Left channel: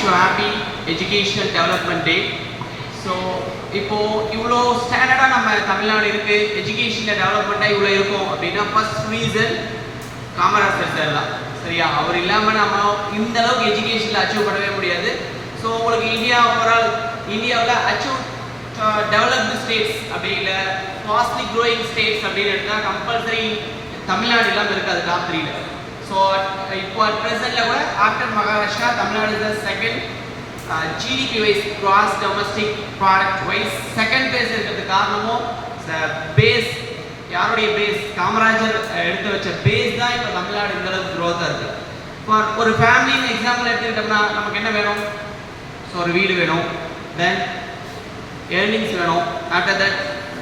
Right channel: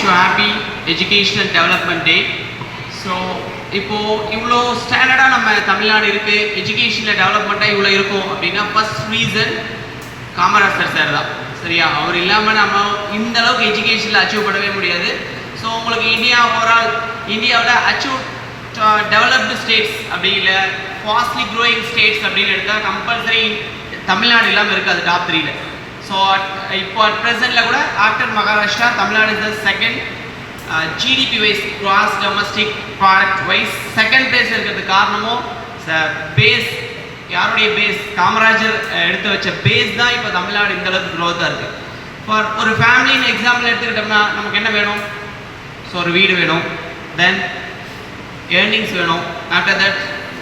Wish you happy educational development day so இப்போது இவ்வளோ ஸ்டாண்டர்டாக நம்ம தமிழ்நாடு இருக்குது எஜுகேஷனில் டெவலப்மெண்ட்டாக இவ்வளோ இருக்கும் அப்படின்னா ஃபர்ஸ்ட் ரீசன் காமராஜர் சார் தான். சரியா? அவர் இல்லாமல் நம்ம இந்த அளவுக்கு எஜுகேஷனில் அச்சீவ் பண்ணவே முடியாது. ஸோ உங்களுக்கு இந்தியா ஓவரால் இந்தியாவில் அச்சீவ் டெவலப்டு ஸ்டேட்ஸ் அப்படி இல்லை ஃபாஸ்ட்லி க்ரோயிங் ஸ்டேட்ஸ் அப்படின்னு எடுத்தால் கம்பல்சரி தமிழ்நாடு இல்லாமல் இருக்காது டாப் த்ரீல ஸோ இப்போ ப்ரெசென்ட்டில் கூட after Maharashtra Tamil Nadu is the second GDP wise gross domestic product wise second place இருக்கிறதுக்கு காரணமும் பேஸ் யாருடைய பேஸ் காமராஜர் எடுத்து வச்ச பேஸ் தான் இப்போ தமிழ்நாடு இந்த அளவுக்கு க்ரோத்தாக இருக்குது இப்போ ஒரு ஃபேமிலின்னு எக்ஸாம்பிள் எடுத்துக்கிட்டோம்னா நமக்கு என்ன வேணும்? ஸோ ஒரு வீடு வேணும். தென் ஏர்னிங்ஸ் வேணும். ஆஃப்டர் தட்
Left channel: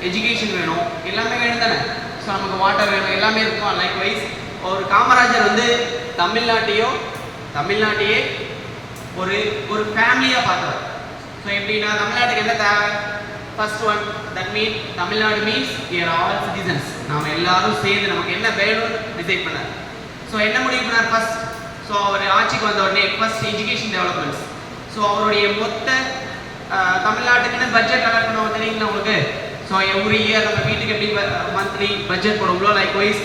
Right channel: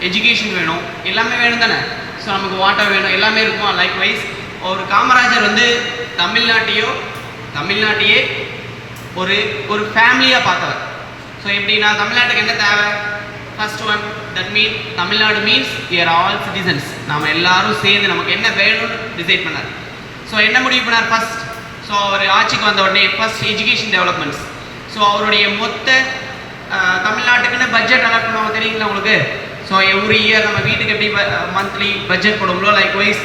எஜுகேஷன் வேணும். எல்லாமே வேணும் தானே ஸோ நமக்கு வாட்டர் வேணும். எல்லாமே இருக்கும்? லைக் வைஸ் ஒரு காமராஜர் வந்து தமிழ்நாட்டையும் தமிழ்நாட்டையே ஒரு ஒரு ஃபேமிலியாக பார்க்கலாம் ஸோ எப்படின்னா தமிழ்நாட்டுக்கு என்ன தேவை? First one that mean Tamil Nadu means year all citizens நாம் எல்லாரும் சேர்ந்து நமக்கு என்ன வேணும்னு டிசைட் பண்ணார். ஸோ என்ன முடிவு பண்ணார் ஃபர்ஸ்ட் ஸோ அவர் ஆட்சிக்கு வந்த உடனே ஃபர்ஸ்ட் எஜுகேஷன் டெவலப்மெண்ட்ஸ் ஸோ அவருடைய மொத்த தமிழ்நாட்டுக்குன்னு பட்ஜெட் அலாட் பண்ணுவாங்க தெரியுங்களா உங்களுக்கு? ஸோ எவ்ரி இயர் நம்ம வீட்டுக்கு எப்படி மந்த்லி பட்ஜெட் போடுவோங்களோ லைக் வைஸ்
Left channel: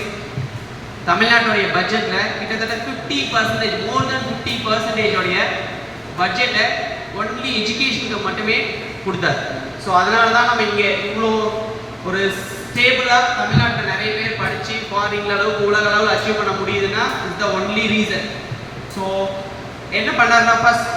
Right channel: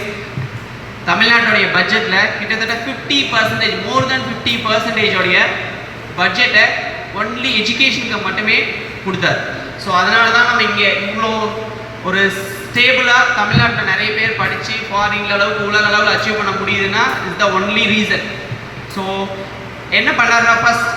தமிழ்நாட்டுடைய பட்ஜெட்டில் கிட்டத்தட்ட fifty percentage more then fifty பர்சன்டேஜோடைய பட்ஜெட்டை ஒன்லி எஜுகேஷனுக்கு மட்டுமே கொடுத்தாரு. ஸோ அதனால தான் நம்ம இங்கே இவ்வளோ ஒரு ஸ்டேபிளாக தமிழ்நாட்டில் நிறைய பேர் படித்து ஃபாரின் அளவுக்கு உலக அளவில் அச்சீவ் பண்ண முடியுதுன்னா is the only reason so என்ன பண்ணாருன்னா ஃபஸ்ட்